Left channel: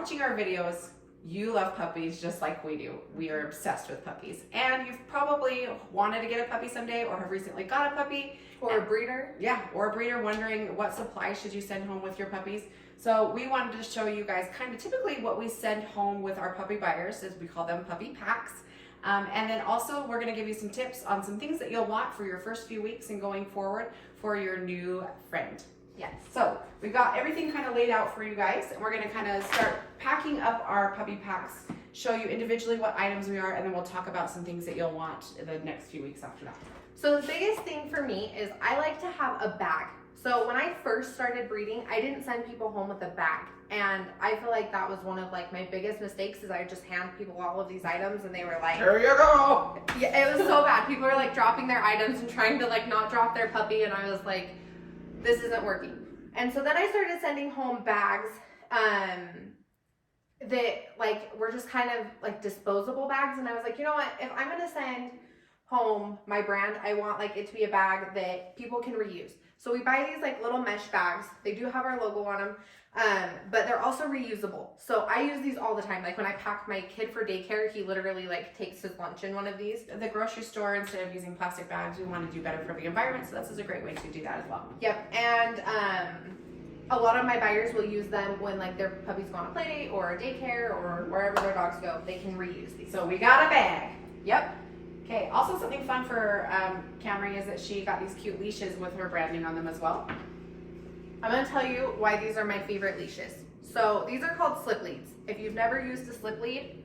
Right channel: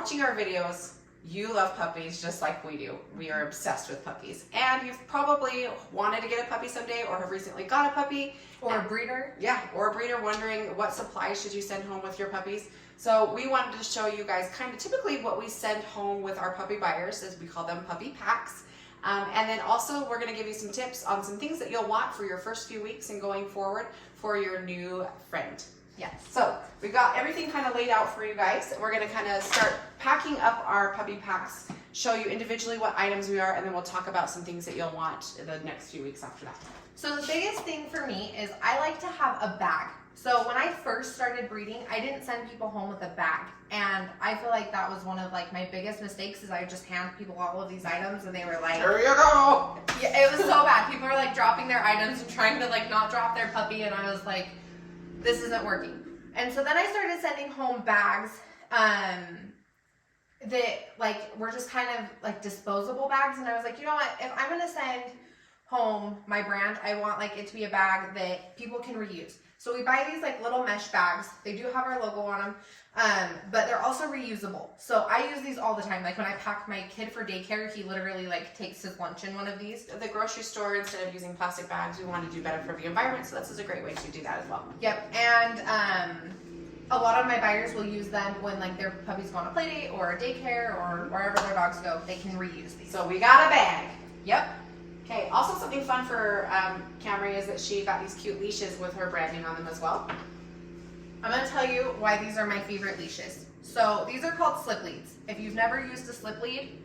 watching our videos, you love puppies just like we do. We are obsessed with puppies. And you've probably wanted to get a puppy someday or have recently got a puppy. Or a breeder. Yeah, or a breeder wondering what supplies should you send home with your puppies. So we wanted to show you guys kind of typically what we send home with our puppy buyers, as we call them puppy packs. And then also we're gonna give you some tips on some things that you'll want for your first few weeks and going forward for your new friend. Yes. So we've got everything kind of laid out for you guys. We're gonna kind of start packing up our puppy packs, show you individually what items we are, and then we'll talk about some things that you'll want the next few weeks after that. So the biggest thing for me is I like to have a bag. So when I first started breeding, I didn't send people home with a bag. And I feel like that was one of like my biggest mistakes is I just hand people all of these items and they were like, there you go. Yeah, it was so bad. People were like dropping their items and trying to like not drop their puppy. And I was like, this isn't working. And so then I started sending home bags that like were just kind of like disposable bags. And I was like, you know what, if I'm going to send home my brand, I want like it to be a bag that people can reuse. So we buy these like little mesh bags. They do have our logo on them, but they're also reusable. So I use these all the time. Like when I pack my kid for daycare, he literally like takes his lunch in one of these. At the grocery store, instead of using plastic bags, we want to do better for the environment. So this is a great way to do that as well. Yep, and a lot of my buyers will use them when like their puppies go on a play date or a daycare or wherever their dogs go. They can reuse these. So we got a bag. Yep. Okay, also something fun for Camry is that she got these cute leashes with her branding on them as well. I'm going to tell you why these are my favorite leashes. So these are called slip leads. If you've never used a slip lead,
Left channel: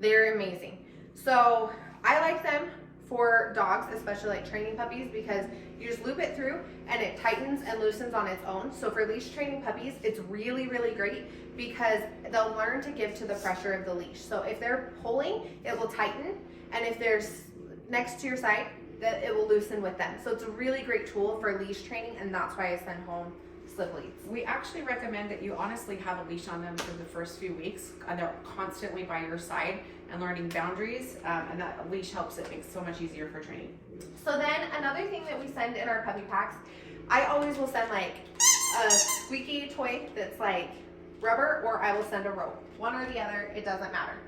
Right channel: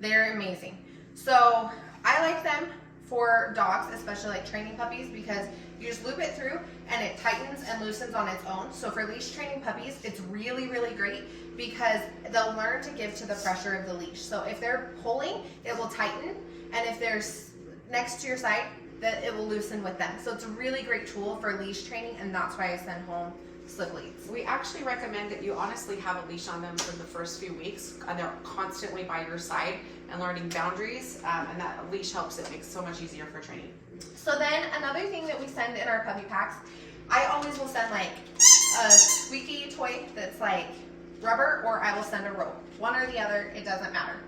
they're amazing. So I like them for dogs, especially like training puppies, because you just loop it through and it tightens and loosens on its own. So for leash training puppies, it's really, really great because they'll learn to give to the pressure of the leash. So if they're pulling, it will tighten. And if there's next to your side, that it will loosen with them. So it's a really great tool for leash training, and that's why I send home slip leads. We actually recommend that you honestly have a leash on them for the first few weeks, and they're constantly by your side and learning boundaries, and that leash helps. It makes it so much easier for training. So then another thing that we send in our puppy packs, I always will send like a squeaky toy that's like rubber, or I will send a rope. One or the other, it doesn't matter.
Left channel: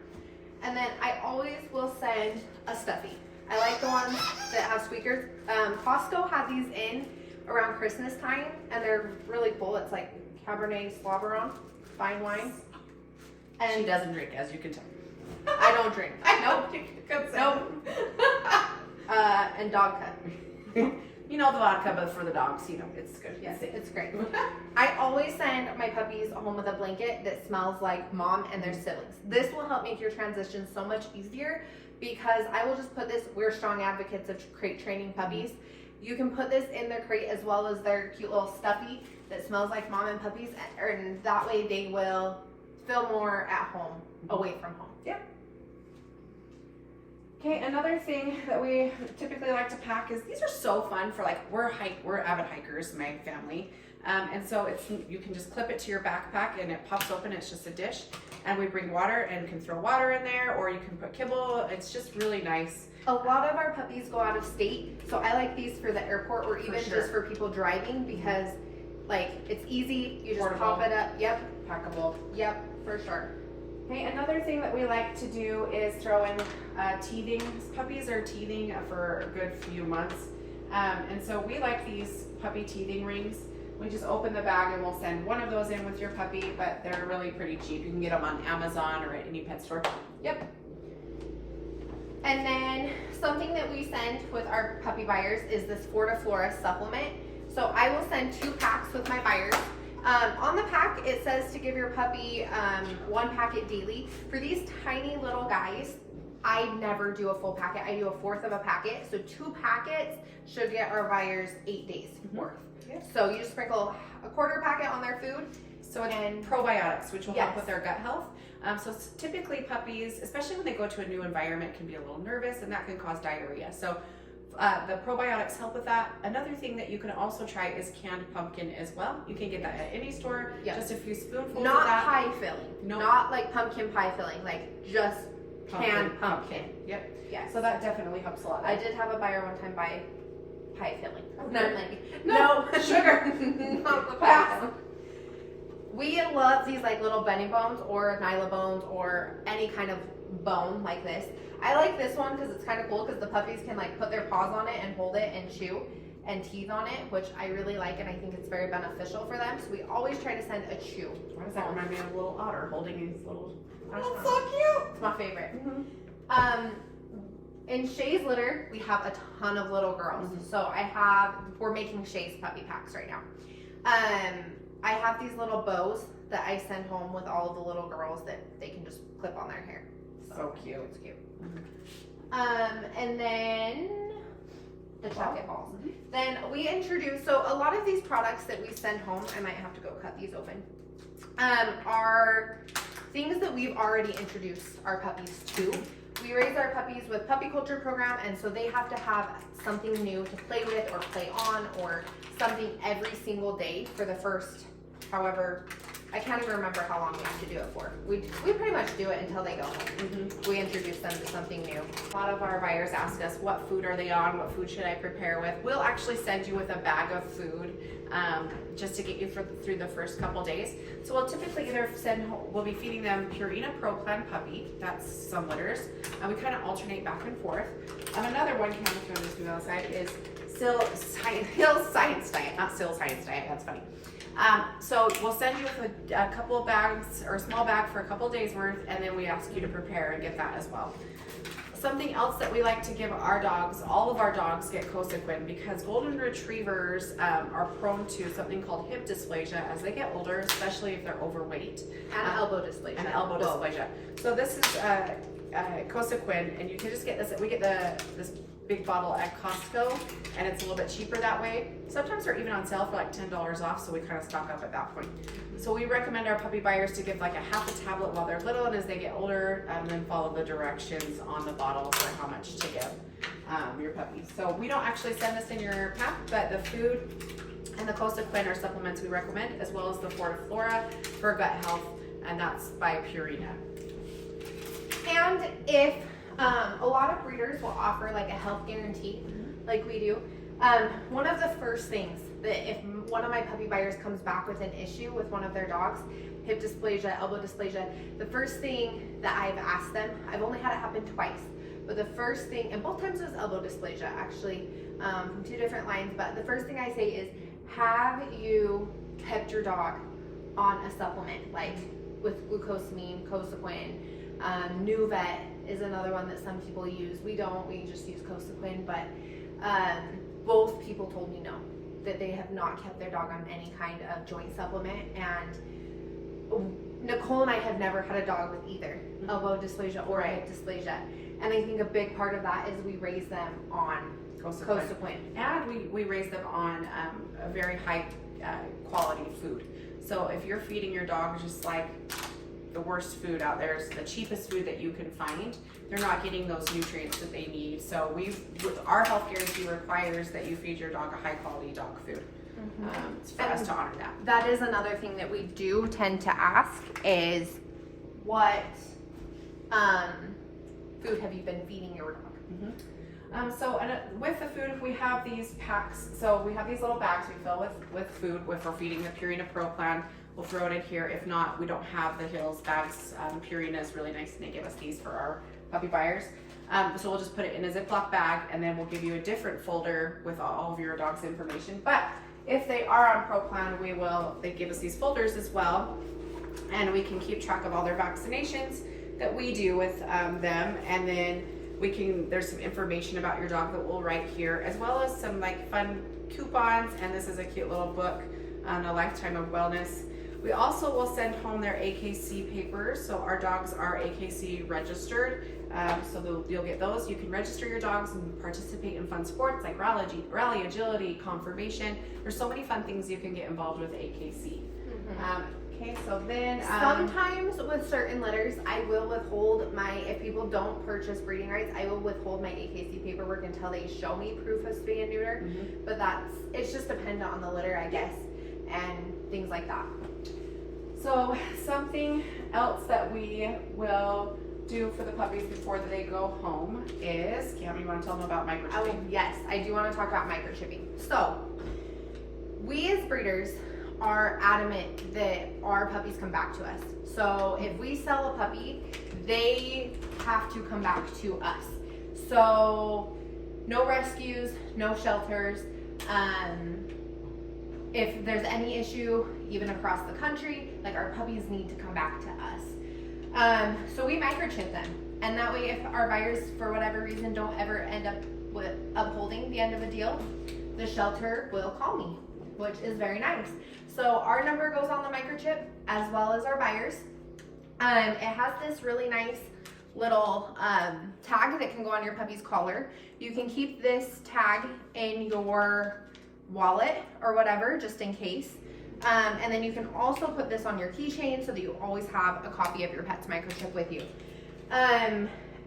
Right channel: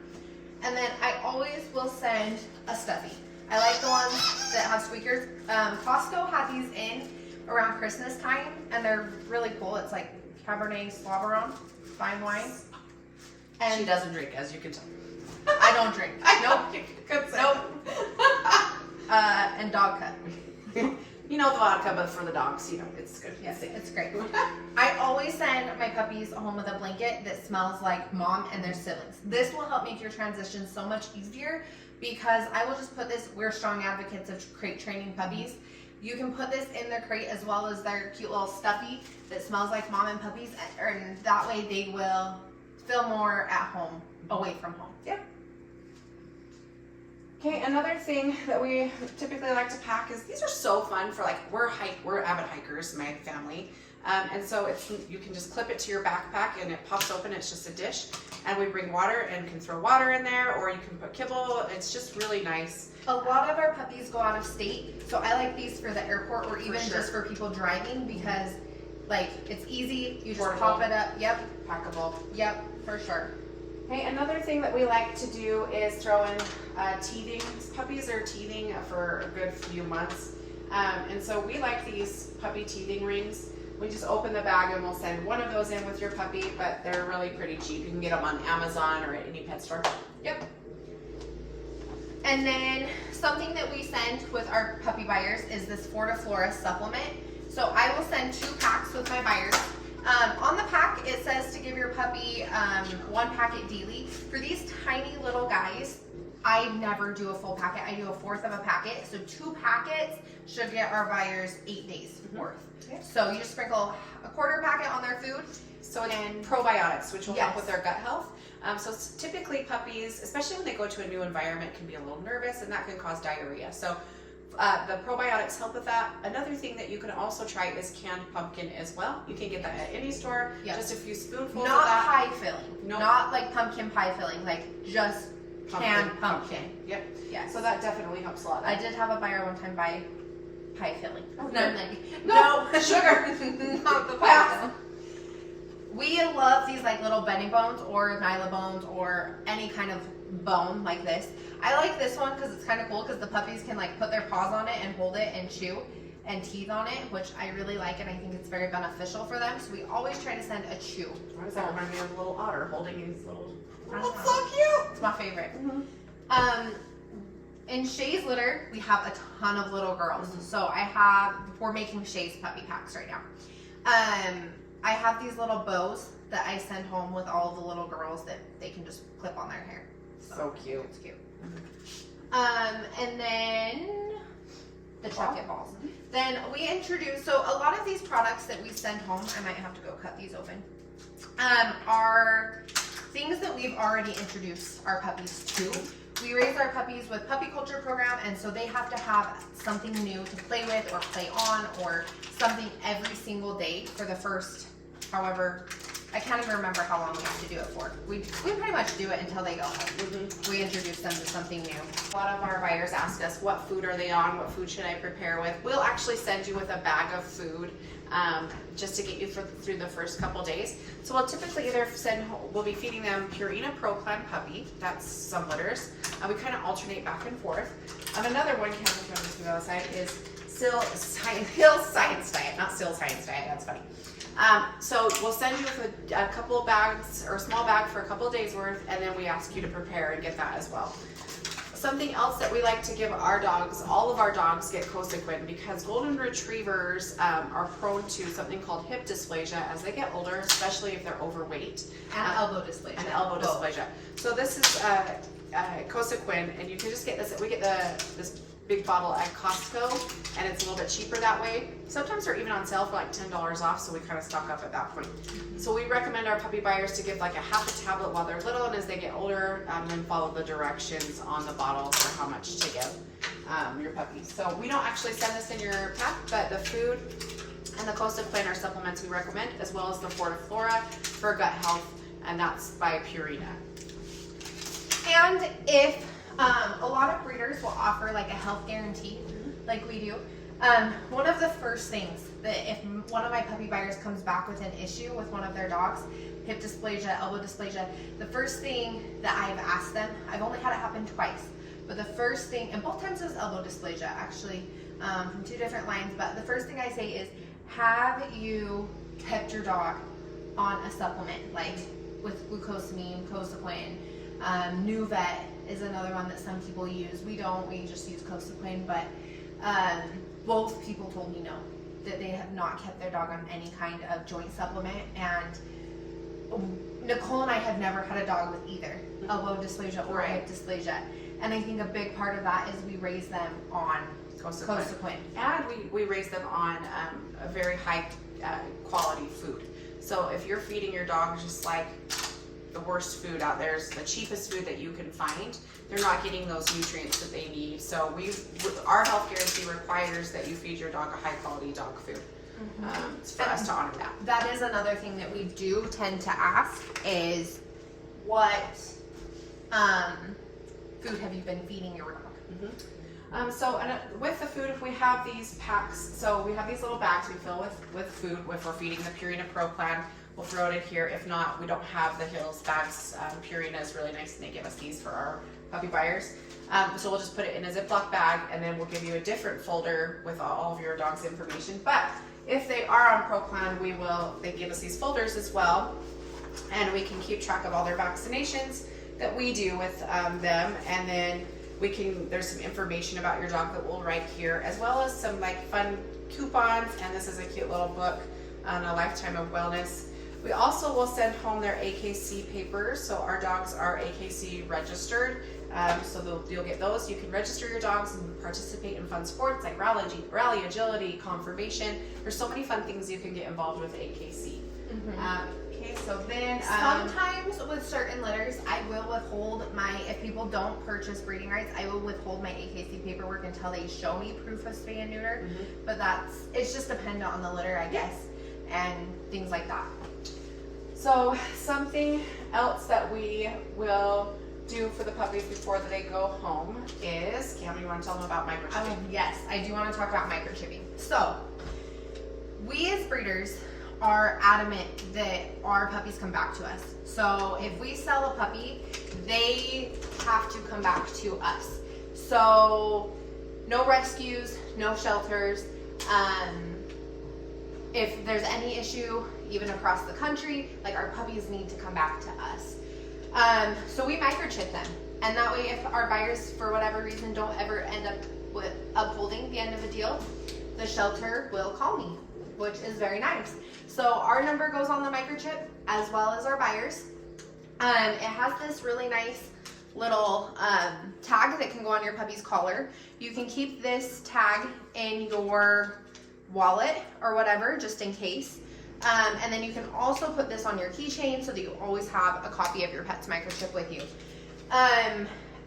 And then I always will send a stuffy. I like the ones that have squeakers. Costco had these in around Christmas time, and they're really cool. It's like Cabernet Sauvignon, fine wine. And she doesn't drink, as you can tell. I don't drink. I know. Nope. And dog cut. You know the vodka, but for the dogs, you know, it's good. Yes, it's great. I always send my puppies home with a blanket that smells like mom and their siblings. This will help make your transition so much easier because I will just put this, we're strong advocates of crate training puppies. You can put this in their crate as well as their cute little stuffy that smells like mom and puppies, and that way they will feel more at home, away from home. Yeah. Okay, another thing that we typically like to pack is, these are so fun for like, we're avid hikers, my family. And so you can just clip it to your backpack and it pops open, it's just a dish. And we bring water and can throw water in there, or you can put kibble. It's just really nice. A lot of our puppies go out of state, so I like these for the airport or even just for people driving because like it's easy, you just pop it up. Yep. Packable. Yep, for sure. Okay, another thing that we like to do is throw in teething. Puppies are teething for a good few months. And so we like these puppy teething rings. We just open the bag and we'll send one of those in with your puppy, but they're really pretty cheap. You can get them on Amazon or at any pet store. Yep. And then something that we send with our puppy buyers is this Fortiflora supplement. So I will send 2 packs with my buyers. On the pack, it says to give your puppy 1 packet daily. For these tiny little guys, I never do a full packet. I do a 1/4 of a packet. So 2 packets should get our buyers 8 days worth. Yep. So you just sprinkle a 1/4 packet on their food. So it's probiotics, which will help with their gut health. So typically puppies, especially when they go to a new environment, can be a little nervous, and that can cause diarrhea. So the probiotics help with that. Another thing that you can also try is canned pumpkin as well. You can get that at any store. Yep. Just a few spoonfuls of that. Not pie filling. Nope. Not like pumpkin pie filling. Like just canned pumpkin. Yep. Yes. So that definitely helps a lot. I did have a buyer one time buy pie filling. Oh, and I'm like, no sugar, not the pie filling. We love these like little Benny bones or Nyla bones or any kind of bone like this. I like this one because it's kind of cool because the puppies can like put their paws on it and hold it and chew and teeth on it, which I really like, and I think it's very beneficial for them. So we always try to send a chew. Why does that remind me of a little otter holding his little... Oh, it's so cute. It's my favorite. In Shay's litter, we have a ton of little girls. So we're making Shay's puppy packs right now. I have these little bows that I send home with all of the little girls that they can just clip on their hair. So cute. It's cute. And then the chocolate balls. Then we introduce, so a lot of these products that we send home, I might have to go cut these open, are things that we've already introduced our puppies to. We raise our puppies with puppy culture program, and so they have to have something new to play with or play on or something every single day for the first, however, I can't even remember how long we have to do it for. We pretty much do it until they go home. We introduce them to something new. A lot of our buyers ask us, what food are they on? What food should I prepare with? We'll actually send you with a bag of food just to get you through the first couple days. So we'll typically we'll be feeding them Purina Pro Plan Puppy. That's some litters. And we kind of alternate back and forth. And another one, Cam, if you want to do the other side, is Hill Science Diet, not Still Science Diet. That's funny. So we'll send you with a couple of bags or a small bag for a couple of days worth, and then we ask you to prepare and get that as well. Something else that we like to give our dogs, all of our dogs get Cosequin because golden retrievers are prone to something called hip dysplasia as they get older, especially if they're overweight. And elbow dysplasia. And elbow dysplasia. So this is Cosequin, and you can just get this. We get this big bottle at Costco, and it's a little bit cheaper that way. Sometimes they're even on sale for like $10 off, so we kind of stock up at that point. So we recommend our puppy buyers to give like a half a tablet while they're little, and as they get older, then follow the directions on the bottle for how much to give your puppies. So we don't actually send this in your pack, but the food and the Cosequin are supplements we recommend, as well as the Fortiflora for gut health, and that's by Purina. And if a lot of breeders will offer like a health guarantee, like we do. One of the first things that if one of my puppy buyers comes back with an issue with one of their dogs, hip dysplasia, elbow dysplasia, the first thing that I've asked them, I've only had it happen twice, but the first thing, and both times it was elbow dysplasia actually, from two different lines, but the first thing I say is, have you kept your dog on a supplement, like with glucosamine, Cosequin, Nuvet is another one that some people use. We don't, we just use Cosequin, but both people told me no, that they have not kept their dog on any kind of joint supplement, and Nicole and I have never had a dog with either elbow dysplasia or hip dysplasia, and I think a big part of that is we raise them on Cosequin. And we raise them on a very high quality food. So if you're feeding your dog just like the worst food out there, is the cheapest food that you can find, they're not getting those nutrients that they need. So our health guarantee requires that you feed your dog a high quality dog food. For us to honor that. That is another thing that we do tend to ask is, what food have you been feeding your dog? So with the food, we have these packs. So we have these little bags we fill with food. If we're feeding the Purina Pro Plan, we'll throw it in here. If not, we don't have the Hills bags. Purina is really nice, and they give us these for our puppy buyers. So we'll just put it in a Ziploc bag, and then we'll give you a different folder with all of your dog's information. But if they are on Pro Plan, they give us these folders as well, and we can keep track of all their vaccinations that we do with them, and then there's some information about your dog that we'll write here, as well as some like fun coupons, and this is a cute little book on a lifetime of wellness. We also will send home their AKC papers, so our dogs are AKC registered, so you'll get those. You can register your dogs and participate in fun sports like rally, agility, conformation. There's so many fun things you can get involved with AKC. Okay, so then sometimes with certain litters, I will withhold if people don't purchase breeding rights, I will withhold my AKC paperwork until they show me proof of spay and neuter. But it's just dependent on the litter, I guess, and things like that. So something else that we will do for the puppies before they go home is, Cam, you want to tell them about microchipping? Yes, I do want to talk about microchipping. So we as breeders are adamant that our puppies come back to us. So if we sell a puppy, they have to come back to us. So no rescues, no shelters. If there's any issue, even across the country, like our puppies need to come back to us. So we microchip them. And that way, if our buyers, for whatever reason, don't ever end up with upholding the end of a deal, the shelter will call me, which is very nice. So our number goes on the microchip as well as our buyers. It has this really nice little tag that can go on your puppy's collar. You can keep this tag in your wallet or whatever, just in case. And then you can also put this on your keychain so that you always have a copy of your pet's microchip with you.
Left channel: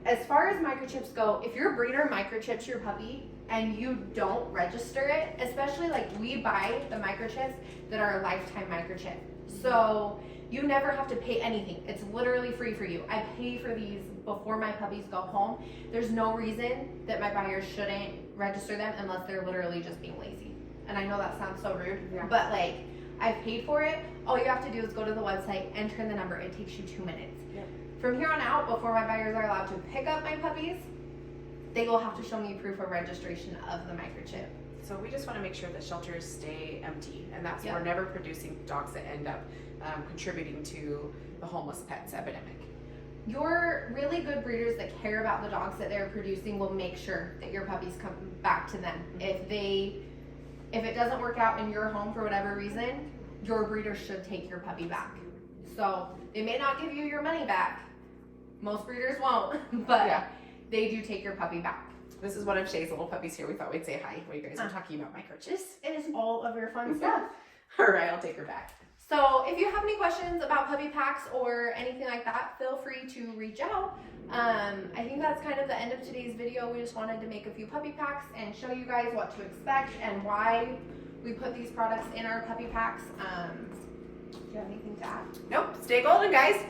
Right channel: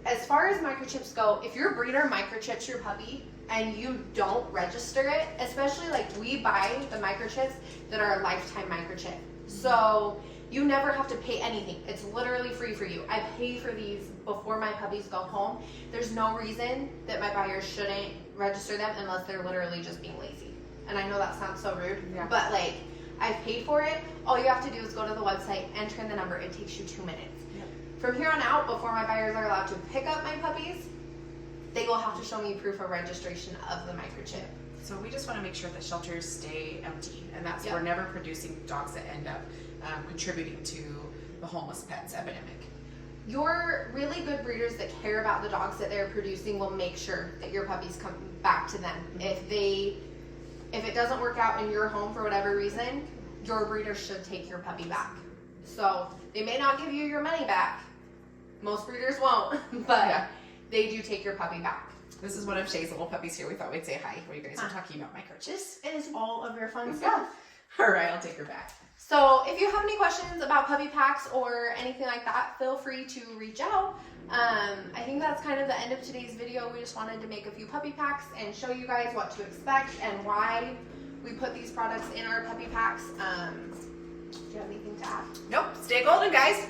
As far as microchips go, if your breeder microchips your puppy and you don't register it, especially like we buy the microchips that are a lifetime microchip. So you never have to pay anything. It's literally free for you. I pay for these before my puppies go home. There's no reason that my buyers shouldn't register them unless they're literally just being lazy. And I know that sounds so rude, but like, I've paid for it. All you have to do is go to the website, enter in the number. It takes you 2 minutes. From here on out, before my buyers are allowed to pick up my puppies, they will have to show me proof of registration of the microchip. So we just want to make sure that shelters stay empty, and that's we're never producing dogs that end up contributing to the homeless pets epidemic. Your really good breeders that care about the dogs that they're producing will make sure that your puppies come back to them. If it doesn't work out in your home for whatever reason, your breeder should take your puppy back. So they may not give you your money back. Most breeders won't, but they do take your puppy back. This is one of Shay's little puppies here. We thought we'd say hi while you guys are talking about microchips. It is all of your fun stuff. All right, I'll take her back. So if you have any questions about puppy packs or anything like that, feel free to reach out. I think that's kind of the end of today's video. We just wanted to make a few puppy packs and show you guys what to expect and why we put these products in our puppy packs. Do you have anything to add? Nope. Stay golden, guys.